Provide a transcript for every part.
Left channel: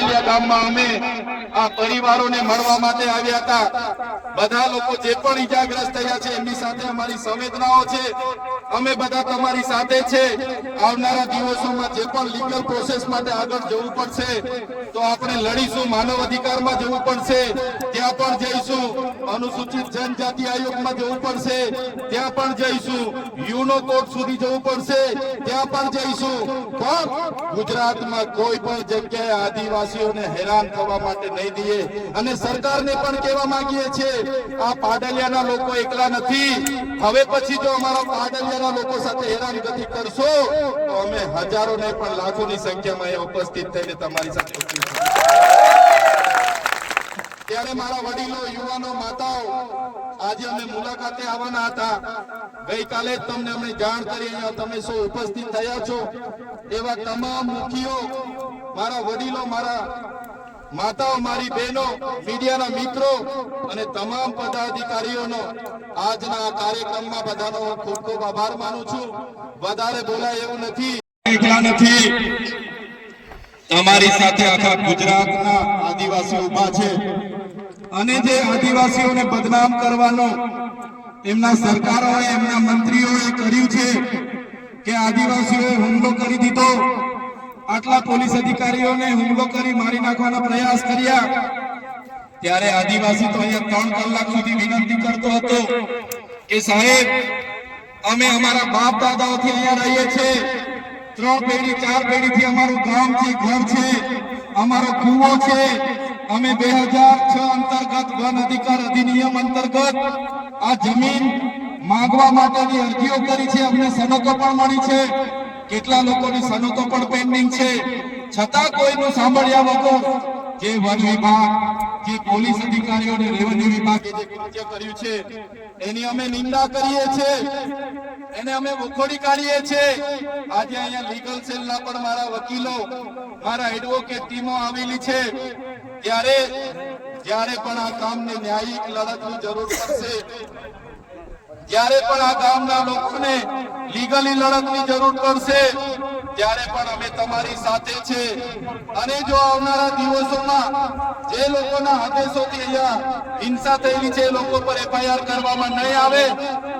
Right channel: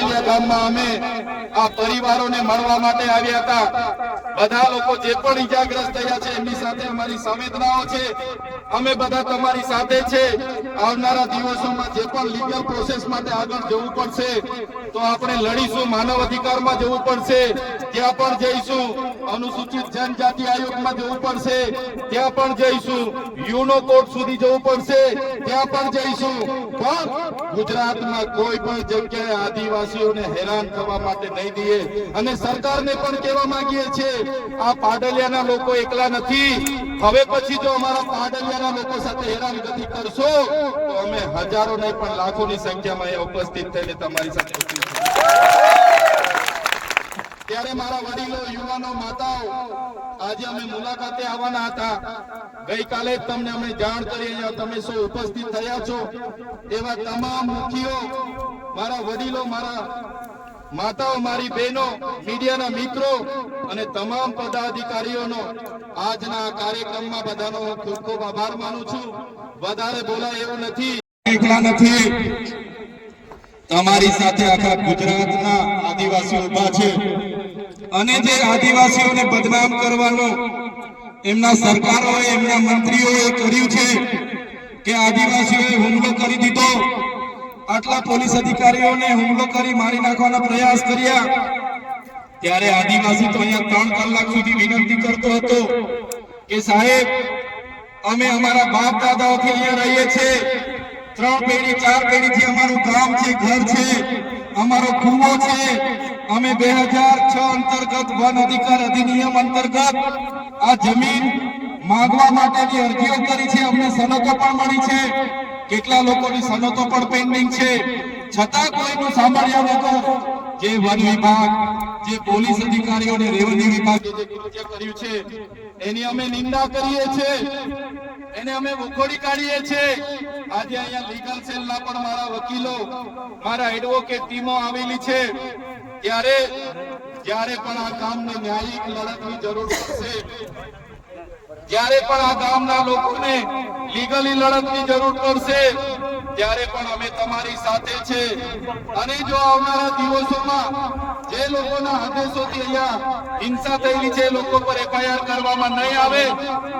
પાટલિયા ગામમાં અમે આ પરિવારોને મળવા માટે આવ્યા હતા। બધા લોકો જે પણ ઈજાગ્રસ્ત થયા છે એમની સાથે અમારી સંવેદનાઓ છે। અમે બધા તમારી સાથે છે। આવનારા દિવસોમાં જે પણ લીગલ પ્રોસેસ માટે આગળ જવું પડશે તો આપણે લડીશું। માનવ અધિકારમાં જવું પડશે ત્યાં પણ જઈશું। અનુસૂચિત જનજાતિ આયોગમાં જવું પડશે ત્યાં પણ જઈશું। યુનો કોર્ટ સુધી જવું પડશે ત્યાં પણ જઈશું। પણ ગુજરાતમાં કોઈ પણ જગ્યાએ આદિવાસીઓને હેરાન થવા માટે નહીં દઈએ। અને સરકારને પણ કહેવા માંગીએ છીએ આ પાડલિયાના લોકો એકલા નથી। હવે પછી જો અમારા પાડલિયાના લોકો સાથે હેરાનગતિ કરશો તો અમે હજારો નહીં પણ લાખોની સંખ્યામાં અહીંયા ઉપસ્થિત થઈને તમારી સાથે ત્યારે મારા વડીલો, યુવાનો, માતાઓ, આજે અમે મુલાકાતે આવવાના હતા। ગઈકાલે જ તમને અમે જાણ કરી અહીંયા તમે સૌ ઉપસ્થિત થયા છો। એવા તમામ મુખીઓ, મારા વડીલો, મારા માતાઓ, મારી બહેનો, મીડિયાના મિત્રો અને તમામ પદાધિકારીઓનો આજના આ કાર્યક્રમમાં બધાનો હું ખૂબ ખૂબ આભાર માનું છું। વધારે બોલાય એવું નથી, એકલા નથી, તમારી સાથે આખા ગુજરાતના આદિવાસીઓ ઉભા છે। અને જે આદિવાસીઓને બદનામ કરવાનો એમના સરકારોએ, એમના મંત્રીઓએ કર્યું છે કે આદિવાસીઓએ હુમલો કરી દીધો, આટલા પોલીસ અધિકારીઓને હુમલો કરી મારી નાખવાના પ્રયાસ કર્યા, ત્યારે આદિવાસી તો અહીંયા 3 કલાક સુધી વિનંતી કરતો હતો કે સાહેબ અમે અમારા બાપ દાદાઓથી અહીંયા રહીએ છીએ। 3 પેઢી 4 પેઢીથી અમારું ગામ છે, ઘર છે, અમારો કૂવો છે। અમે 2006 અંતર્ગત વન અધિકાર અધિનિયમ અંતર્ગત આ જમીન માંગવા માટેની અરજીઓ કરી છે। અમને સનતો પણ મળી છે, કેટલા લોકોની સનતો પણ પેન્ડિંગ છે। છતાં કોઈનું સાંભળ્યા વગર જે વન વિભાગ, જે પોલીસ અધિકારીઓ અને રેવન્યુ વિભાગે જે કૃત્ય કર્યું છે એની અમે નિંદા કરીએ છીએ, એને અમે વખોડી કાઢીએ છીએ। આજે અહીંયા લીગલ સેલના પણ મારા વકીલો, મારા એડવોકેટ ટીમો આવેલી છે। ત્યારે જ્યારે પણ આ ગામને ન્યાયિક લડતની જરૂર પડશે, જ્યારે પણ આ ગામના લોકોને લીગલી લડતની જરૂર પડશે ત્યારે પણ અમે તમારી સાથે છે। અને જો આવનારા દિવસોમાં જે લોકોના આદેશોથી અહીંયા હિંસા થયેલી છે એ લોકો પર એફઆઈઆર કરવામાં નહીં આવે,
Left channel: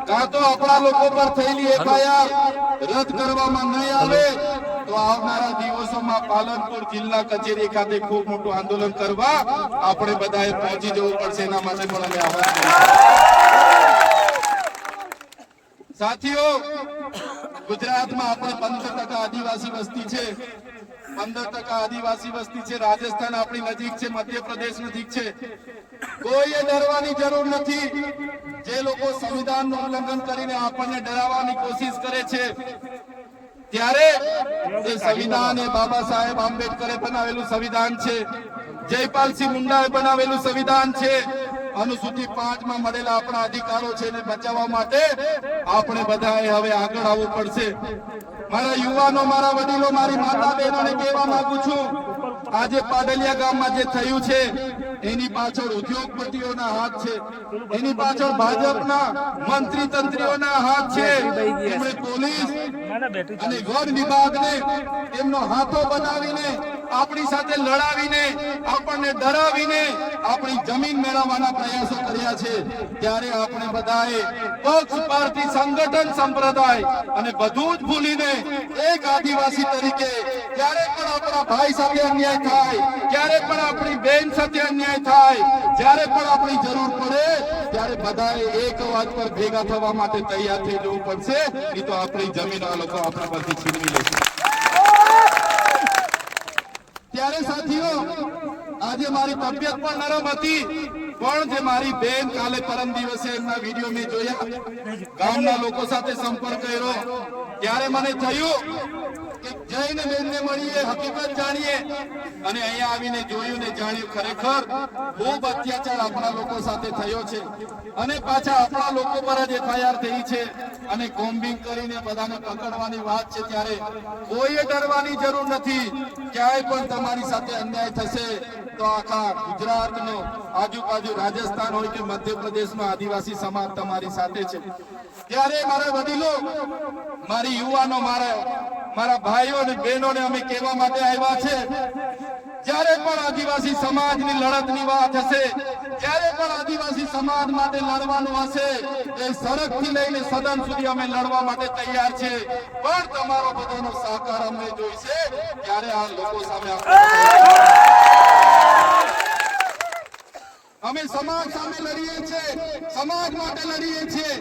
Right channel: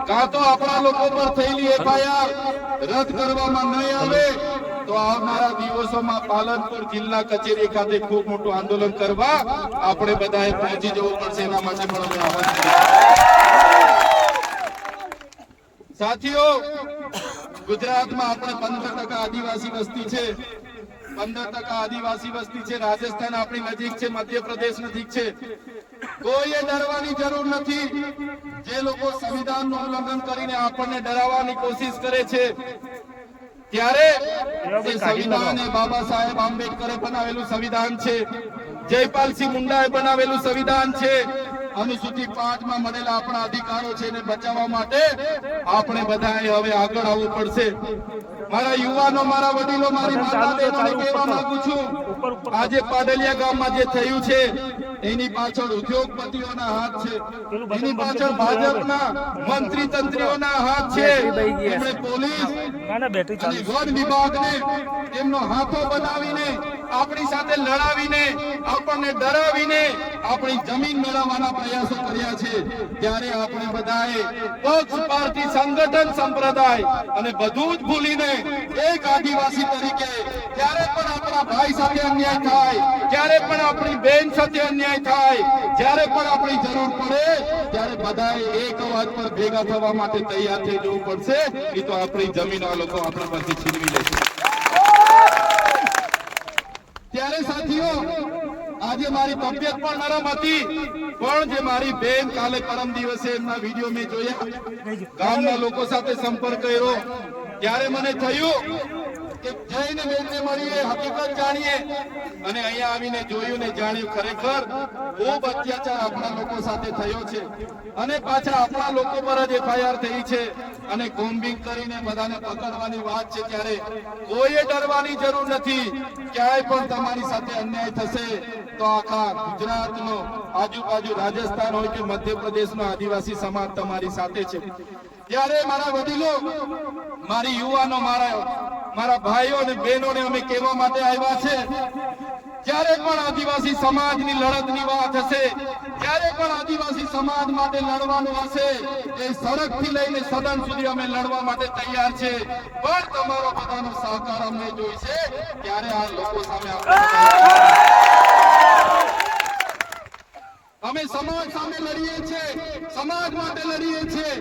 કાં તો આપણા લોકો પર થયેલી એફઆઈઆર રદ કરવામાં નહીં આવે તો આવનારા દિવસોમાં પાલનપુર જિલ્લા કચેરી ખાતે ખૂબ મોટું આંદોલન કરવા આપણે બધાએ પહોંચી જવું પડશે। એના માટે પણ અમે આહવાન કરીશું। સાથીઓ, ગુજરાતમાં આપણે 15% આદિવાસી વસ્તી છે, 15% આદિવાસી વસ્તી છે। રાજસ્થાન આપણી નજીક છે, મધ્યપ્રદેશ નજીક છે। કોઈએ ડરવાની જરૂર નથી। જે લોકો સંવિધાનનું ઉલ્લંઘન કરીને આપણને ડરાવવાની કોશિશ કરે છે ત્યારે એ સંવિધાન એ બાબા સાહેબ આંબેડકરે બનાવેલું સંવિધાન છે, જયપાલસિંહ મુંડાએ બનાવેલું સંવિધાન છે। અનુસૂચિત 5 માં મળેલા આપણા અધિકારો છે એને બચાવવા માટે આપણે બધાએ હવે આગળ આવવું પડશે। મારા યુવાનો, મારા વડીલો, મારી માતા બહેનોને કહેવા માંગુ છું, આજે પાડલિયા ગામમાં જે થયું છે એની પાછળ ઉદ્યોગપતિઓના હાથ છે, એની પાછળ ભાજપના મંત્રી તંત્રીઓના હાથ છે। એમણે પોલીસ અને વન વિભાગને એમનો હાથો બનાવીને આપણી સાથે લડાવીને, આપણને ડરાવીને આપણી જમીન મેળવવાના પ્રયાસો કર્યા છે। ત્યારે આપણે બધાએ પક્ષ, પાર્ટી, સંગઠન, સંપ્રદાય અને બધું જ ભૂલીને એક આદિવાસી તરીકે જ્યારે પણ આપણા ભાઈ સાથે અન્યાય થાય, જ્યારે પણ આપણી બેન સાથે અન્યાય થાય, જ્યારે પણ આપણી જરૂર પડે ત્યારે બધાએ એક અવાજ પર ભેગા થવા માટે તૈયાર થઈ જવું પડશે, નહીં તો આપણી જમીન આ લોકો આપણા પરથી છીનવી લેશે। ત્યારે સાથીઓ, આજે મારી તબિયત પણ નરમ હતી, પણ જે મારી બેન કાલે પરમ દિવસે એમના વિડીયો મેં જોયા, ગામના લોકો સાથે સંપર્ક કર્યો ત્યારે મને થયું કે જઈને બેનને મળીએ, હકીકત જાણીએ। અને અહીંયા આવીને જોયું ને જાણ્યું ખરેખર ખૂબ અત્યાચાર આપણા લોકો સાથે થયો છે અને પાછા આપણા લોકો પર જ એફઆઈઆર થઈ છે અને કોમ્બિંગ કરીને બધાને પકડવાની વાત છે। ત્યારે કોઈએ ડરવાની જરૂર નથી। ક્યાંય પણ તમારી સાથે અન્યાય થશે તો આખા ગુજરાતનો, આજુબાજુ રાજસ્થાન હોય કે મધ્યપ્રદેશનો આદિવાસી સમાજ તમારી સાથે છે। ત્યારે મારા વડીલો, મારી યુવાનો, મારા ભાઈઓ અને બહેનોને અમે કહેવા માટે આવ્યા છે જ્યારે પણ આદિવાસી સમાજની લડતની વાત હશે, જ્યારે પણ આદિવાસી સમાજ માટે લડવાનું હશે, એ સડકથી લઈને સદન સુધી અમે લડવા માટે તૈયાર છે, પણ તમારો બધાનો સહકાર અમને જોઈશે, ત્યારે આ લોકો સામે અમે સમાજ સામે લડીએ છીએ, સમાજ માટે લડીએ છીએ,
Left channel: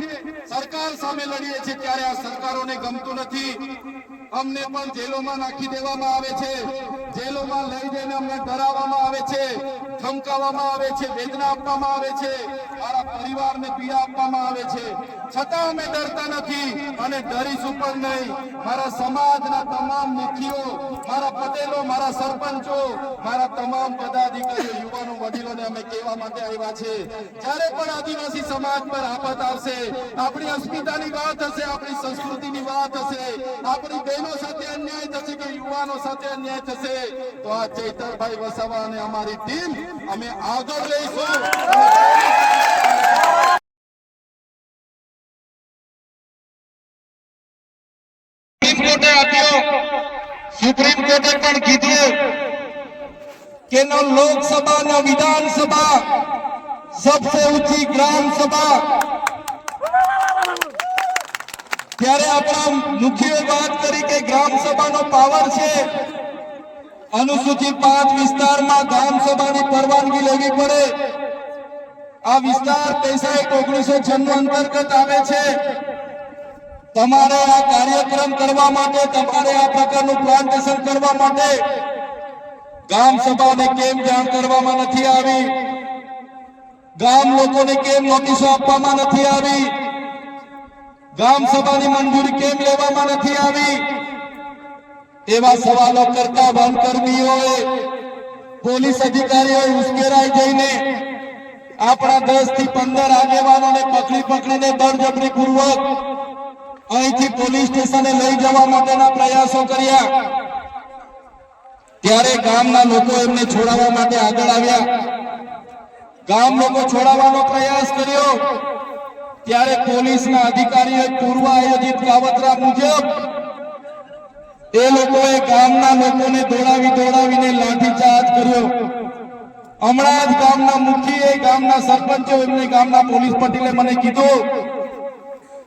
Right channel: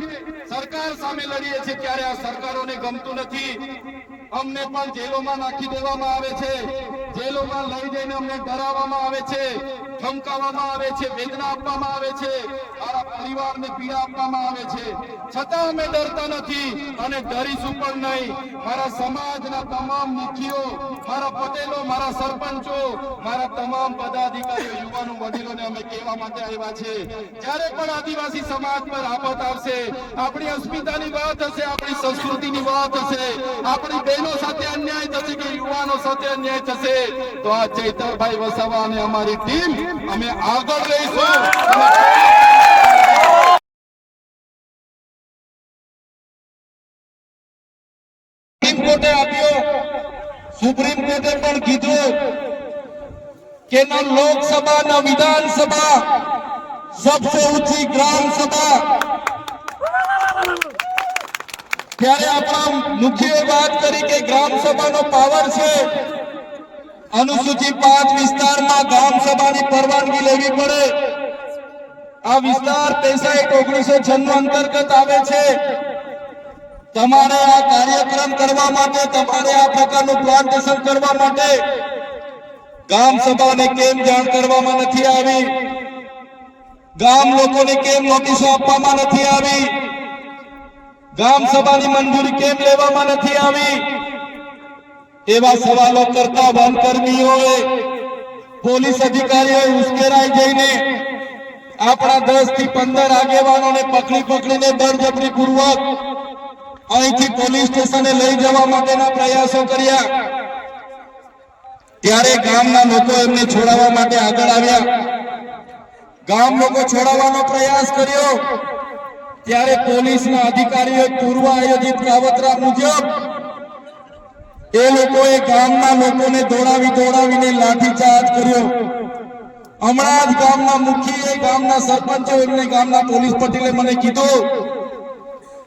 સરકાર સામે લડીએ છીએ, ત્યારે આ સરકારોને ગમતું નથી. અમને પણ જેલોમાં નાખી દેવામાં આવે છે, જેલોમાં લઈ જઈને અમને ડરાવવામાં આવે છે, ધમકાવવામાં આવે છે, વેદના આપવામાં આવે છે, મારા પરિવારને પીડા આપવામાં આવે છે, છતાં અમે ડરતા નથી અને ડરીશું પણ નહીં. મારા સમાજના તમામ મુખીઓ, મારા પટેલો, મારા સરપંચો, મારા તમામ પદાધિકારીઓ, યુવાનો, વડીલોને અમે કહેવા માટે આવ્યા છે, જ્યારે પણ આદિવાસી સમાજ પર આફત આવશે, આપણી અસ્મિતાની વાત હશે, આપણી સંસ્કૃતિની વાત હશે, આપણી બહેનો સાથે અન્યાય થશે કે યુવાનો સાથે અન્યાય થશે, તો આ ચૈતરભાઈ વસાવા અને અમારી ટીમ અમે આગળ રહીશું. સુપ્રીમ કોર્ટે આપ્યો, સુપ્રીમ કોર્ટે પણ કીધું કે ન લોકસભા ન વિધાનસભા, सबसे ऊंची ग्राम सभा. ત્યારે આપણા મુખ્ય વાત કરી કે ગ્રામ સભાનો પાવર છે. અનુસૂચિત 5 વિસ્તારમાં ગ્રામ સભાની પરવાનગી લેવી પડે. આ વિસ્તાર 65/1996 અંતર્ગત આવે છે. તમારે આ કાર્યક્રમ કરવા માટે, તમારે આ પ્રકારનું પ્લાન્ટેશન કરવા માટે ગ્રામ સભાને કેમ જાણ કરવામાં નથી આવી? ગામ લોકોને કેમ નોટિસો આપવામાં નથી આવી? ગામ સભાની મંજૂરી કેમ લેવામાં નથી આવી? એવા સવાલો કરતા વનકર્મીઓએ, પોલીસ અધિકારીઓએ ઉશ્કેરાઈ જઈને આપણા 10 થી 15 આગેવાનોને પકડીને બળજબરી પૂર્વક અહીંથી પોલીસ સ્ટેશને લઈ જવા માટેના પ્રયાસો કર્યા. ત્યારે ગામના લોકો એમને છોડાવવા માટે આગળ આવ્યા. ગામ લોકો છોડાવવાનો પ્રયાસ કર્યો, ત્યારે પોલીસના અધિકારીઓએ પૂર્વ આયોજિત કાવતરા મુજબ એ લોકોએ ગામના લોકોને દોડાવીને લાઠીચાર્જ કર્યો. હમણાં જ ગામના મુખીએ, ગામના સરપંચો, એમને ગામના પોલીસ પટેલે મને કીધું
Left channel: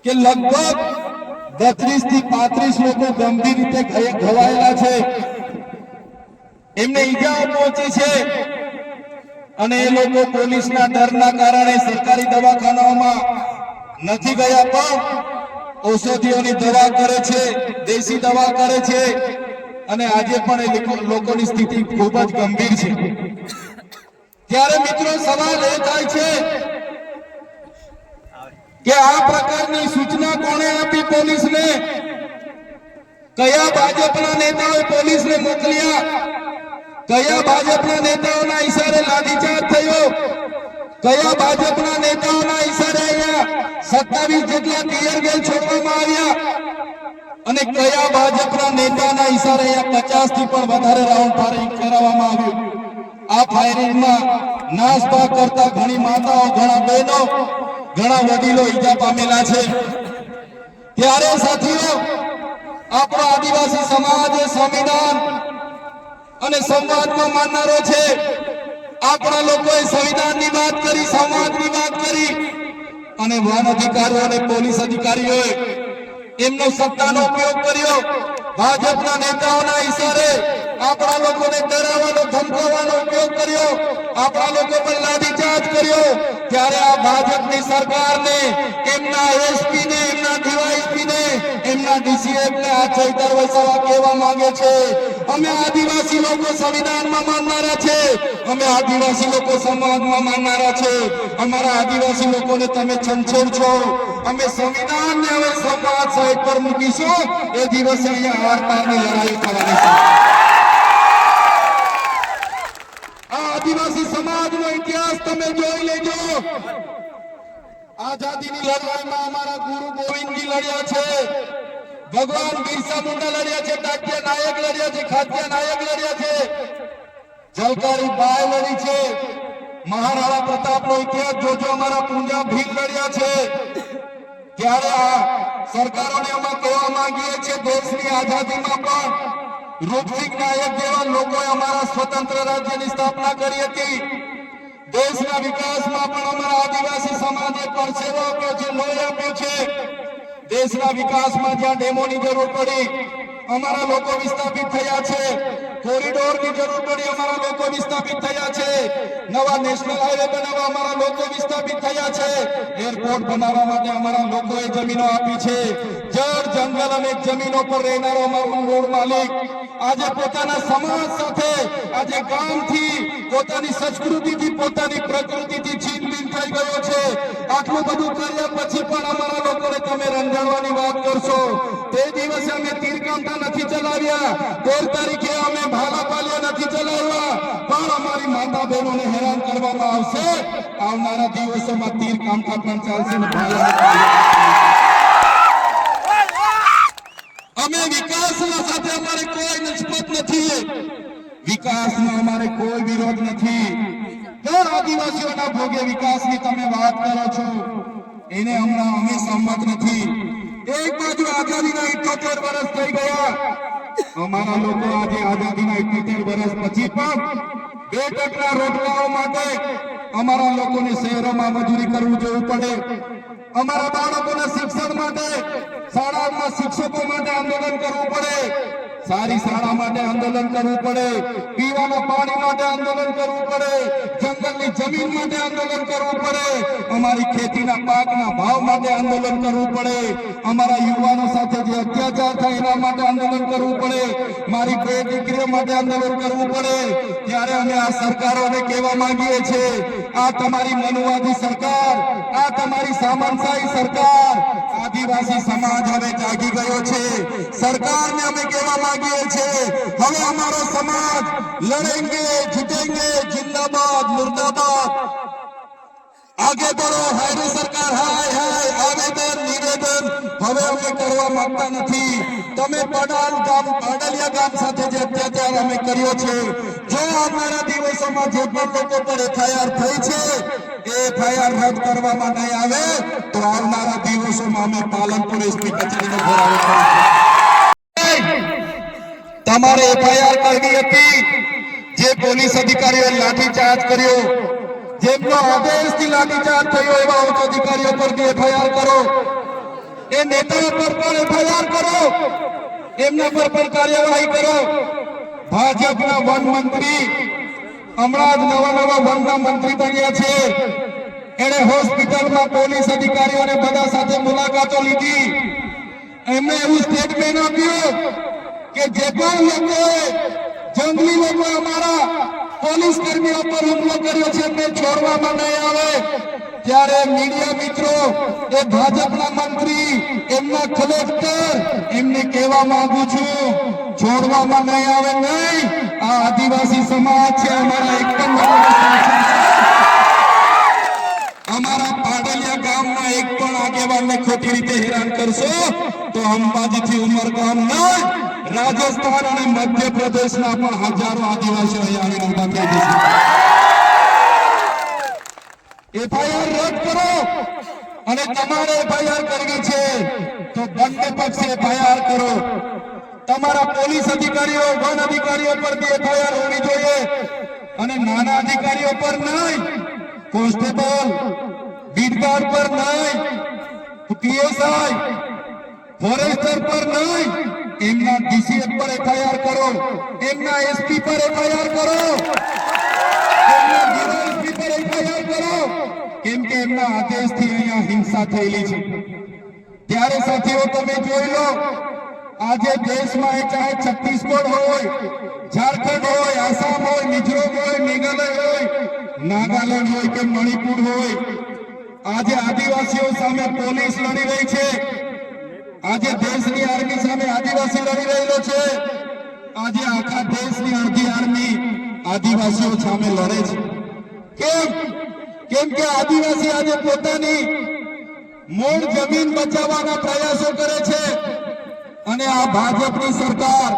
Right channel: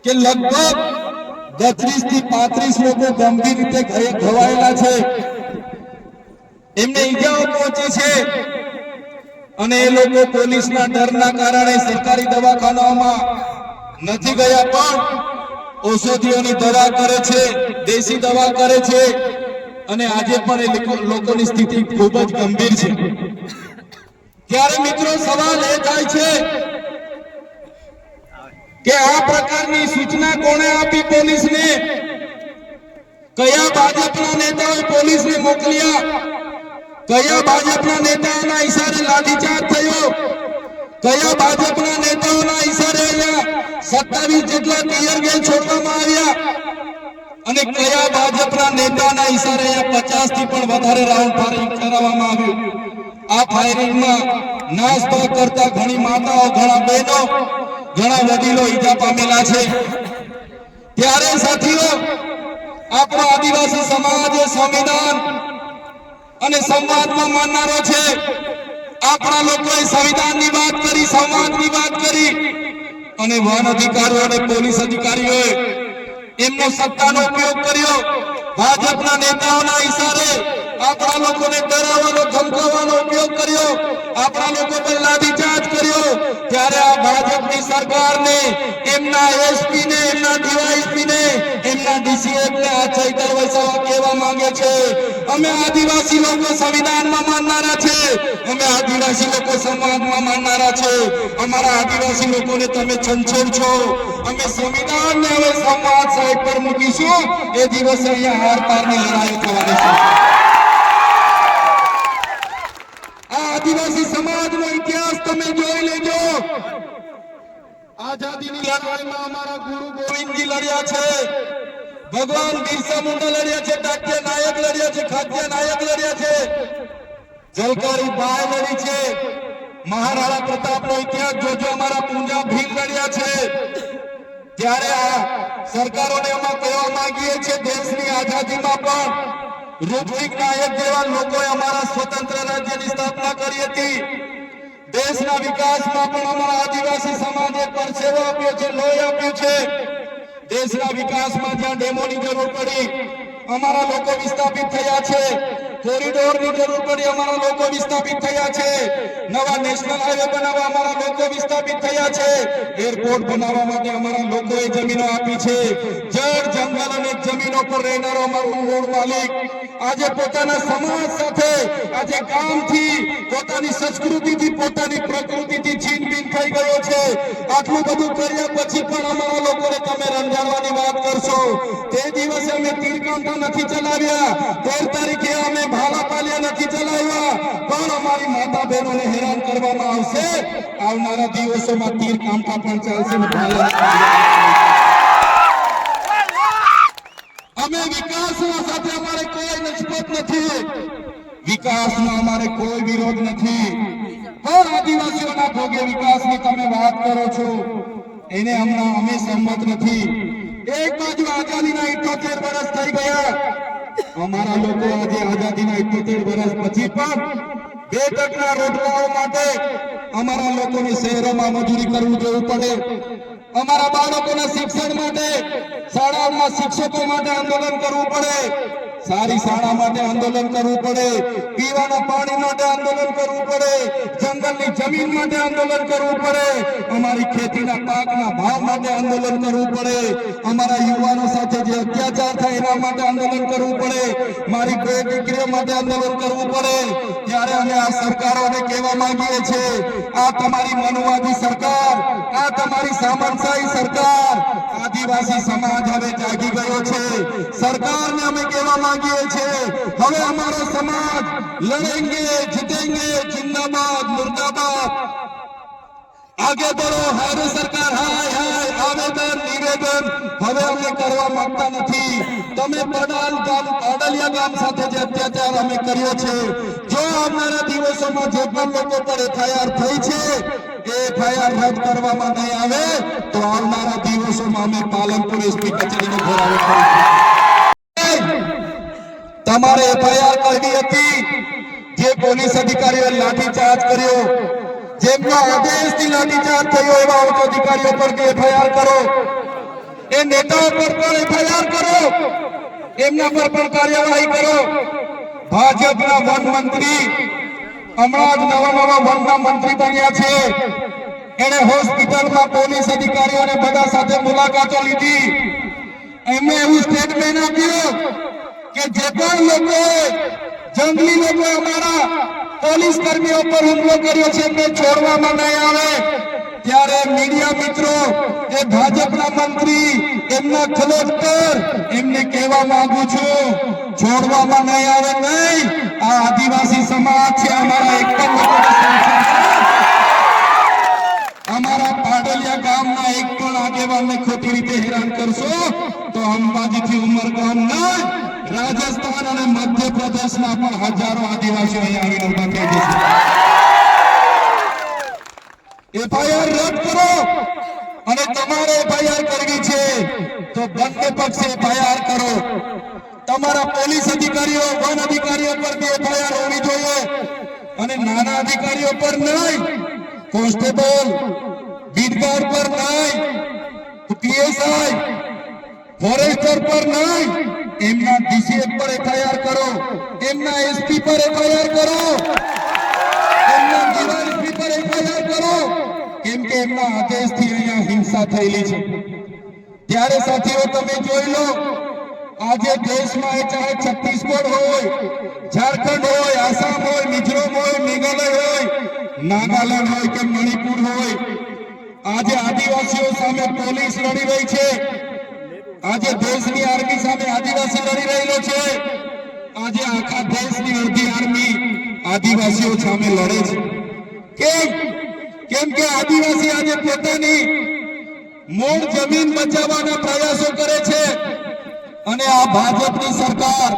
કે લગભગ 32 થી 35 લોકો ગંભીર રીતે ઘવાયેલા છે, એમને ઈજાઓ પહોંચી છે અને એ લોકો પોલીસના ડરના કારણે સરકારી દવાખાનાઓમાં નથી ગયા, પણ ઔષધિઓની દવા કરે છે, દેશી દવા કરે છે અને આજે પણ એ લોકોની સ્થિતિ ખૂબ જ ગંભીર છે. ત્યારે મિત્રો સવાલ એ થાય છે કે આ પ્રકારની સૂચના કોણે આપી પોલીસને? કયા ભાજપના નેતાઓએ પોલીસને મોકલ્યા? કયા ભાજપના નેતાઓના ઈશારે લાઠીચાર્જ થયો? કયા ભાજપના નેતાઓના ઈશારે અહીંયા 27 જેટલા ટીયર ગેસ છોડવામાં આવ્યા? અને કયા ભાજપના નેતાના ઈશારે અહીંયા 50 થી પણ વધારે રાઉન્ડ ફાયરિંગ કરાવવામાં આવ્યું? આ ફાયરિંગમાં નાસભાગ કરતા ઘણી માતાઓ, ઘણા બહેનો, ઘણા વડીલો ઈજા પામેલા છે. ત્યારે સાથીઓ, આપણો આદિવાસી સમાજ સંવિધાન અને સંવાદમાં માનનારો છે. આપણા લોકોએ સંવિધાનની વાત કરી, સંવાદની વાત કરી અને વન અધિકારીઓ અને પોલીસ અધિકારીઓએ એમનો સત્તાનો ઉપયોગ કર્યો. ભાજપના નેતાઓના ઈશારે આપણા લોકોને ડરાવવાનો, ધમકાવવાનો ઉપયોગ કર્યો, આપણા લોકો પર લાઠીચાર્જ કર્યો. ત્યારે આ ભાજપની સરકારને, એમના એસપી ને, એમના ડીવાયએસપી ને, એમના ડીસીએફ ને આ ચૈતર વસાવા કહેવા માંગે છે, અમે આદિવાસી લોકો સંવિધાનમાં માનનારા છે, અમે આદિવાસી લોકો સમાજમાં માનનારા છે, અમારા આદિવાસી લોકોને તમે છંછેડ છો. અમે સંવિધાનને હવે સમાજ સાઈડ પર મૂકીશું. એ દિવસે અહીંયા હારતારની લડાઈ થવાની છે. આ આદિવાસી સમાજનો ઇતિહાસ તમે જોઈ લેજો. આઝાદીની લડાઈમાં અમારા ગુરુ ગોવિંદજી લડ્યા છે, ભગવાન બિરસા મુંડા લડ્યા છે, ડાક્યા નાયક લડ્યા છે, ખાદ્ય નાયક લડ્યા છે, જલકારી બાઈ લડી છે, મહારાણા પ્રતાપનો ઇતિહાસ જોજો, અમારા પૂંજા ભીલ લડ્યા છે. ત્યારે આ સરકારોને અમે કહેવા માંગીએ છીએ, દેશની આઝાદીમાં પણ રૂપસિંહ નાયક જેવા લોકોએ અમારા સ્વતંત્ર રાજ્યની સ્થાપના કરી હતી। દેશના વિકાસમાં પણ અમારા આદિવાસી સમાજે પરસેવો આપ્યો છે, લોહી આપ્યું છે। દેશના વિકાસમાં જ્યાં ડેમોની જરૂર પડી અમારા લોકો વિસ્થાપિત થયા છે, કોરિડોરની જરૂર પડી અમારા લોકો વિસ્થાપિત થયા છે, નવા નેશનલ હાઈવે બનાવવા અમારા લોકો વિસ્થાપિત થયા છે, એરપોર્ટ બનાવવા માટે અમારા લોકોએ જમીનો આપી છે। જળ જંગલ અને જમીનો પર રહેનારો અમારો મૂળ માલિક આજે પોતાના સમાજ સાથે આજે ગામથી પોતાની સંસ્કૃતિથી પોતાની પ્રકૃતિથી છીનબીન થઈ ગયો છે। આટલું બધું કર્યા પછી પણ અમારા લોકોને તમે રંજાડવાની વાત કરશો। તે દિવસે અમે તીરકાંઠા નથી ચલાવ્યા, 13 તારીખે અમે ભાલાપાલિયા નથી ચલાવ્યા, પણ અમારી માતા બહેનોને હેરાન કરવામાં આવશે। આવનારા દિવસોમાં તીરકાંઠા પણ ચાલશે ને ભાલા। અમે વિકાસના સાથે અમારે કોઈ નિસ્બત નથી, વિકાસનો અમારે કોઈ વિરોધ નથી, પણ આદિવાસીઓના ભોગે વિકાસની તમે વાત કરો છો એને હમણાં અમે સંમત નથી। એક બાજુ આઝાદીના 78 વર્ષ થઈ ગયા, અમારા લોકો આજે આઝાદીના 78 વર્ષ પછી પણ 2 ટકના રોટલાઓ માટે અમારા લોકોને શહેરોમાં મજૂરી કરવું જવું પડે, અમારા બાળકોના શિક્ષણ માટે શાળાઓમાં શિક્ષકો માટે આંદોલન કરવું પડે, સારી શાળા માટે આંદોલન કરવું પડે, પીવાના પાણી માટે આંદોલન કરવું પડે, જંગલની જમીન માટે આંદોલન કરવું પડે, અમારી ખેતીના પાકના ભાવ માટે આંદોલન કરવું પડે, અમારા યુવાનો સાથે જે અત્યાચાર થાય એના માટે આંદોલન કરવું પડે, મારી બે દીકરીઓ માટે આંદોલન કરવું પડે। ત્યારે અમે આ સરકારોને કહેવા માંગીએ છીએ, આ તમારી મનવાદી સરકાર, આ તમારી સામંતશાહી સરકાર, આદિવાસી સમાજ હવે જાગી ગયો છે। સરકારને અમે કહેવા માંગીએ છીએ, હવે અમારો સમાજ લડેંગે જીतेंगे, जिंदाबाद मुर्दाबाद, आगे बढ़ो। हाय सरकार, हाय हाय आवेदन निवेदन હવે અમે કરવા માંગતા નથી। તમે પાડલિયા ગામ સાથે જે અત્યાચાર અમે કર્યો છે, જો આવનારા દિવસોમાં જે પણ લોકો પર એફઆઈઆર થઈ છે એ એફઆઈઆર રદ કરવામાં નહીં આવે તો આવનારા દિવસોમાં અમે પાલનપુર એસપી કચેરીનો ઘેરાવો કરીશું। તમારે એફઆઈઆર કરવી હતી, જે પોલીસ અધિકારીઓએ લાઠીચાર્જ કર્યો, જેમનો આદેશથી લાઠીચાર્જ થયો એવા ઉચ્ચ અધિકારીઓ પર એફઆઈઆર કરો, એ નેતાઓ પર પણ એફઆઈઆર કરો, એમના પર પણ કાર્યવાહી કરો। ભાજપના વન મંત્રી હમણાં જ નવા વનના મંત્રી બન્યા છે, એને હોસ્પિટલમાં પોલીસ અધિકારીઓને બધા સાથે મુલાકાતો લીધી, એમણે એવું સ્ટેટમેન્ટ આપ્યું કે જે પણ લોકોએ જંગલી લોકો અમારા પોલીસ કર્મીઓ પર હુમલો કર્યો છે એમને છોડવામાં નહીં આવે। ત્યારે મીડિયા મિત્રો, એ ભાજપના મંત્રી, એમના કલેક્ટર, એમને કહેવા માંગુ છું, છોડવામાં નહીં આવે નહીં। આ આદિવાસી સમાજ છે, અમારા એક પણ અમારા પાડલિયા ગામના એક પણ આગેવાનને ખોટી રીતે હેરાન કરશો તો અંબાજીથી ઉમરગામના, રાજસ્થાન અને મધ્યપ્રદેશના પણ હજારો આદિવાસીઓ અહીંયા આવીને ઉભા થઈ જશે। એફઆઈઆર રદ કરો, અને તમારે એફઆઈઆર કરવી છે તો બંને પક્ષે એફઆઈઆર કરો। તમારા પોલીસ અધિકારીઓ, વન અધિકારીઓ પર બી એફઆઈઆર હોવી જોઈએ, અને નાના અધિકારીઓ પર નહીં, કોન્સ્ટેબલ, બીટગાર્ડ પર નહીં, પીએસઆઈ, ફોરેસ્ટર પર નહીં, એમના ડીસીએફ પર એફઆઈઆર કરો, એમના એસપી પર એફઆઈઆર કરો, એમના ડીવાયએસપી પર એફઆઈઆર કરો, કેમ કે એમના આદેશથી અહીંયા હિંસા થયેલી છે। ત્યારે સાથીઓ તમે જોઈ લો, આજે દેશમાં એ ચાહે છત્તીસગઢ હોય, ઝારખંડ હોય, આસામ હોય, મિઝોરમ હોય, મેઘાલય હોય, નાગાલેન્ડ હોય કે મણિપુર હોય, આજે આદિવાસીઓ સામે પોલીસ લડી રહી છે, આજે દેશની આર્મી સામે આદિવાસી લડી રહેલો છે, આજે આખા દેશની અડધી આર્મી આદિવાસીઓ સામે લડે છે। કેમ કે આદિવાસી આજે પોતાની મૂળ જમીન બચાવવાના પ્રયાસો કરે છે, અને આ ભાજપની સરકાર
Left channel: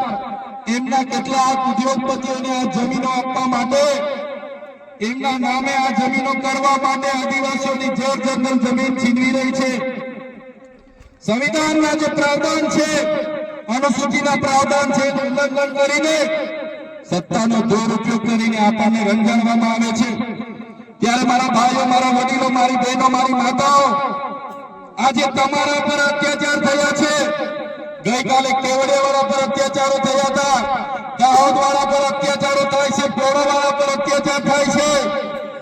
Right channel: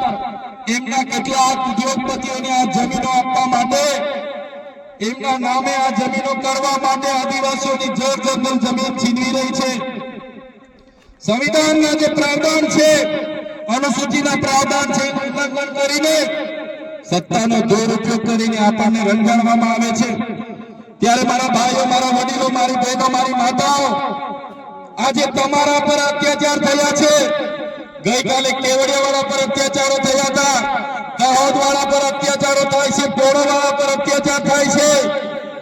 એમના કેટલાક ઉદ્યોગપતિઓને આ જમીનો આપવા માટે, એમના નામે આ જમીનો કરવા માટે આદિવાસીઓની જળ જંગલ જમીન છીનવી રહી છે। સંવિધાનના જે પ્રાવધાન છે અનુસૂચિના પ્રાવધાન છે ઉલ્લંઘન કરીને સત્તાનો દુરુપયોગ કરીને આપણને રંજાડવામાં આવે છે। ત્યારે મારા ભાઈઓ, મારા વડીલો, મારી બહેનો, મારી માતાઓ, આજે તમારા પર અત્યાચાર થયા છે। ગઈકાલે કેવડિયાવાળા પર અત્યાચારો થયા હતા, દાહોદવાળા પર અત્યાચારો થાય છે, પોળાવાળા પર અત્યાચાર થાય છે,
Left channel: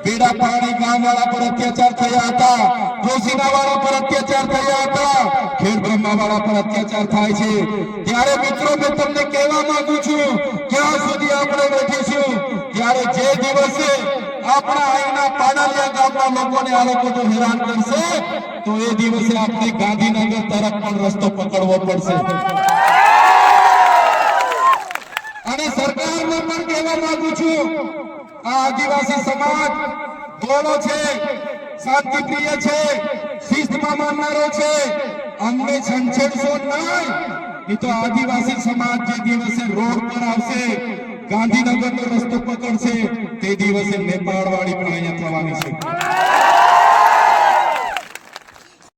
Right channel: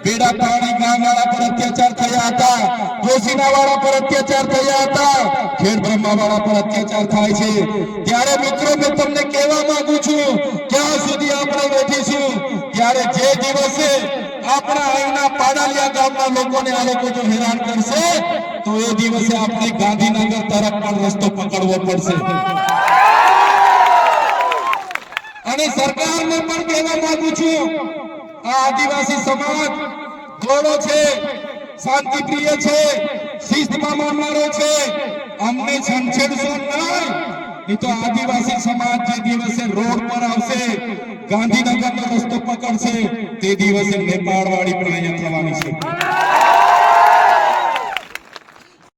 બેડા પાણી ગામવાળા પર અત્યાચાર થયા હતા, જોશીનાવાળા પર અત્યાચાર થયા હતા, ખેડ બ્રહ્માવાળા પર અત્યાચાર થાય છે। ત્યારે મિત્રો મેં તમને કહેવા માંગુ છું, ક્યાં સુધી આપણે બેઠીશું? ત્યારે જે દિવસે આપણા અહીંના પાડાલિયા ગામના લોકોને આ લોકો જો હેરાન કરશે તો એ દિવસે આપણે ગાંધીનગર તરફ પણ રસ્તો પકડવો પડશે। અને સરકારને પણ કહેવા માંગુ છું, આ આદિવાસી સમાજ ગોળો છે, શાંતિપ્રિય છે, શિસ્તમાં માનનારો છે, અમને છંછેડશો નહીં, એ તો આદિવાસી સમાજ જે દિવસે રોડ પર આવશે, ગાંધીનગરનો રસ્તો પકડશે, તે દિવસે નેપાળવાળી પણ અહીંયા થવાની છે।